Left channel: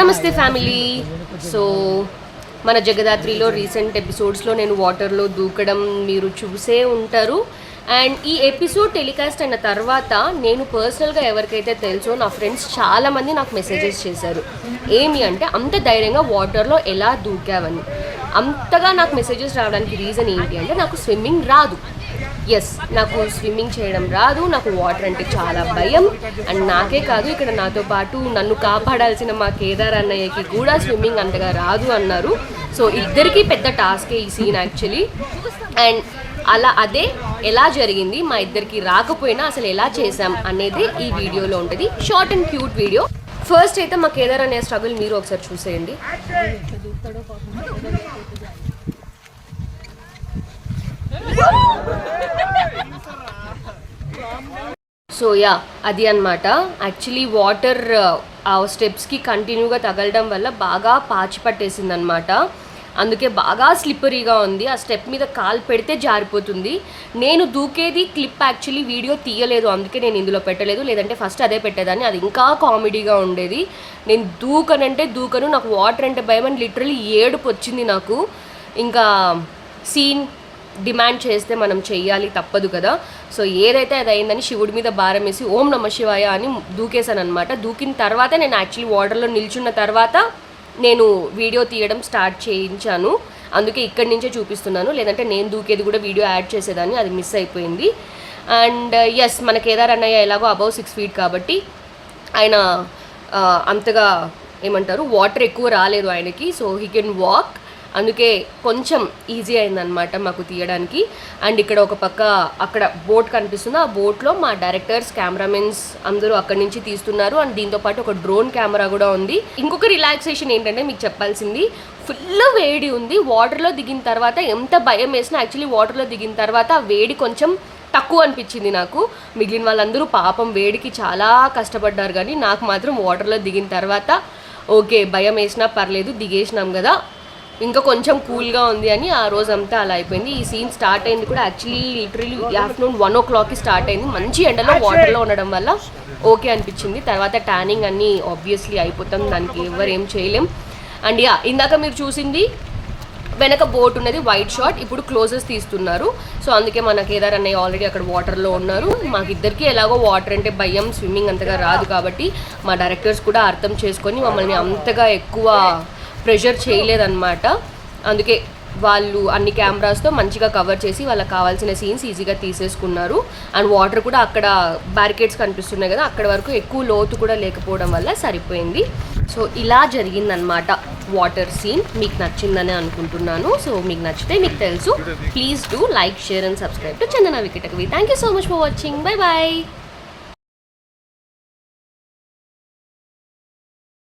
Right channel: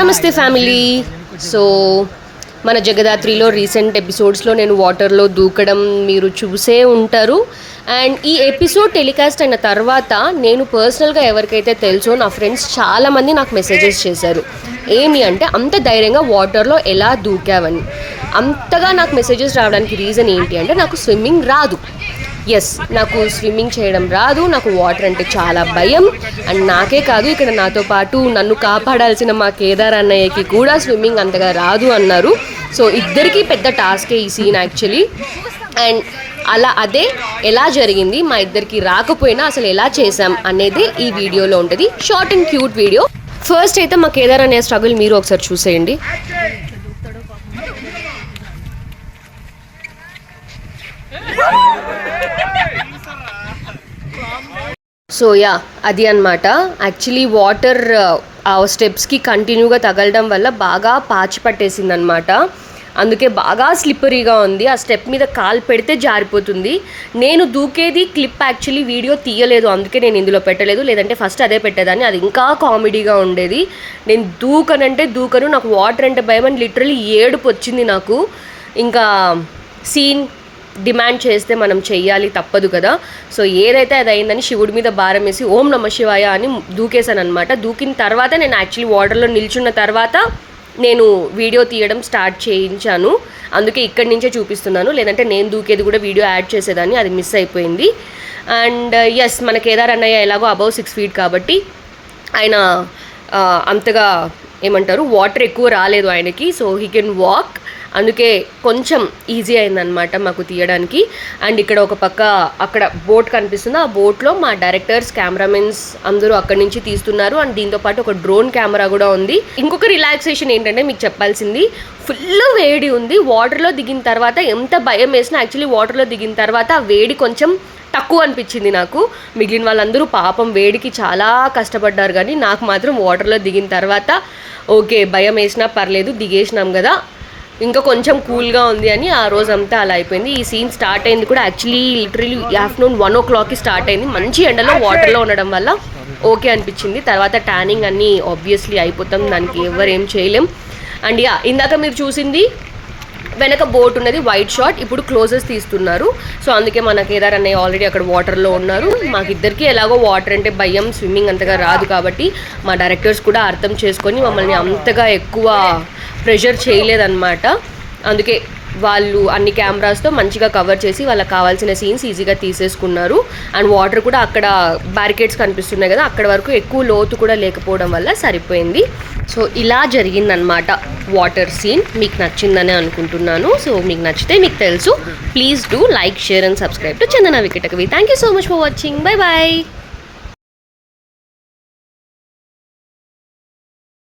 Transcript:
నమస్తే family. So మన జగదాత్రిలో recent ఎపిసోడ్స్లో నేను వాటర్లో దూకడం మీరు చూసే ఉంటారు. అండ్ ఈ ఎపిసోడ్ టెలికాస్ట్ అయిన తర్వాత నేను పర్సనల్గా ఎవరికైతే తెలుసో నా ఫ్రెండ్స్ చాలామంది నాకు మెసేజెస్ చేశారు. ఏమి అంటే అంత ధైర్యంగా వాటర్లో ఎలా దూకావని. అంతగా నాకు మెసేజెస్ రావడానికి రీజన్ ఏంటి అంటే నాకు స్విమ్మింగ్ రాదు. ఎస్, నాకు స్విమ్మింగ్ చేయడం రాదు. నాకు వాటర్ అంటే చాలా భయం. అండ్ నాకే కాదు, ఇక్కడ నాతో పాటు నన్ను కాపాడాల్సిన మా కేదార్ అన్నయ్యకి కూడా స్విమ్మింగ్ అంతగా రాదు అన్నారు. సో ఇద్దరికీ పెద్ద టాస్కే ఈ సీన్ యాక్చువల్లీ. అండ్ అదే ఎలా జరిగింది, మా ఇద్దరికి రాకపోయినా అసలు ఎలా చేసాం అనేది ఈ వీడియోలో ఉంటుంది. Short and cute video. First అయితే మా కేదార్ అన్నయ్య స్ట్రగుల్ మీరు ఒకసారి చూసేయండి. సో అది అనమాట. యాక్చువల్లీ వాటర్ ఆ స్టెప్స్కి కంటిన్యూగా తగలడం వల్ల బాగా పాచి పట్టేసింది అనమాట. అందుకే బాగా స్లిప్పరీగా ఉంది. ఆ స్టెప్ మీద కాలు పెడితే జారిపోతుంది. నేను దూకేది క్లిప్ యాక్చువల్లీ వీడియో తీయలేదు, అందుకే నేను ఇందులో పెట్టలేదు. లేదంటే ఫస్ట్ అదే పెట్టేదాన్ని, అది ఇంకా కామెడీగా ఉండేది. నేను దూకను, నాకు వాటర్ అంటే భయం అని లిటరలీ ఏడుపు వచ్చింది నాకు. ఇంకా సీన్ డిమాండ్ చేస్తే మనం చెయ్యాలి, తప్పదు కదా. సో ఏదైతే అది అయిందని శివుడి మీద భారం వేసి ఓం నమ శివాయ అని దూకేశాను అనమాట. దూకిన తర్వాత నేను యాక్చువల్లీ వాటర్లో నిల్చున్న తర్వాత నేను వీడియో తీయడం స్టార్ట్ చేయించాను. అందుకే ఇక్కడి నుంచే చూపిస్తున్నాను, లేదంటే నేను దూకేది కూడా వీడియో యాడ్ చేసేదాన్ని, అది మిస్ అయిపోయింది. అండ్ ఎస్, మన కేదార్ అన్నయ్య ఎలాగో అబౌవ్ 6 feet కాబట్టి ఆయన అంతగా ఏమంటారు వాటర్ ఎక్కువ రాలేదు ఆయనకి. సో హీ కెన్ వాక్, అందుకే కొంచెం ఈజీ అయిందనమాట మాకు తీయడానికి. అండ్ ఇక్కడ ఒక పక్క అక్కడ బోట్ కనిపిస్తుంది, ఆ బోట్లో మా డైరెక్టర్స్, కెమెరామెన్స్ అందరూ అక్కడి నుంచి తీస్తున్నారు. అండ్ దీంతోపాటు ఒక డ్రోన్ కెమెరా కూడా ఉంది. ఇంకొక రిలాక్సేషన్ ఏంటంటే మీకు చెప్పాల్సింది, ఫుల్ వేడి ఉంది. వాటర్లో దిగిన తర్వాత ఎంత భయం వేసినా యాక్చువల్లీ వాటర్లో దిగిన తర్వాత ఆ వేడి కొంచెం తక్కువ అనిపించింది నాకు. మిగిలిన వాళ్ళందరూ పాపం వేడికి చాలా కష్టపడ్డారు, కానీ నాకు మాత్రం వాటర్లో దిగిన తర్వాత ఓకే, భయం వేసినా పర్లేదు, దిగేసినాం కదా, ఇంకా కొంచెం కూల్గా ఉంది అని ఆ రోజంతా అలా అయిపోయింది. ఈ సీన్ స్టార్ట్ అయింది కూడా యాక్చువల్లీ లిటరలీ ఆఫ్టర్నూన్ 1 o'clockకి స్టార్ట్ అయింది. మంచి ఎండలో వాటర్లో ఉండడం వల్ల ఓకే అనిపించింది. తర్వాత ట్యానింగ్ అన్నీ ఆబ్వియస్లీ అయిపోతాం, దానికి ఎవరేం చేయలేం. అండ్ ఇందాక మీరు చూసింది వెనక బోట్ ఉన్నది వైట్ షాట్, ఇప్పుడు క్లోజెస్ తీస్తున్నారు. సో అందుకే మన కేదార్ అన్నయ్య ఆల్రెడీ అక్కడ వాటర్లో ఉన్నారు. మాకిద్దరికి ఎలాగో వాటర్ అంటే భయం, స్విమ్మింగ్ అంతగా రాదు కాబట్టి మా డైరెక్టర్స్ కూడా అర్థం చేసుకొని మమ్మల్ని అంతగా ఎక్కువ ప్రెషర్ చేయలేదన్నమాట. అందుకే వాళ్ళు అన్ని కెమెరాస్తో మంచిగా కవర్ చేసి వాళ్ళకి కావాల్సిన సీన్స్ ఈజీగా తీసేసుకున్నారు. అండ్ వాటర్ కూడా అక్కడ బ్యారికేడ్స్ కనిపిస్తున్నాయి కదా, అక్కడ వరకు ఎక్కువ లోతు కూడా లేకపోవడం వల్ల సరిపోయింది. సో ఇలా జరిగిందనమాట వాటర్ సీన్. మీకు నచ్చిందని అనుకుంటున్నాను. సో మీకు నచ్చితే, మీకు తెలుసు, please do like, share and subscribe to Chandana Vikatakavi. Thank you so much for watching. Bye bye.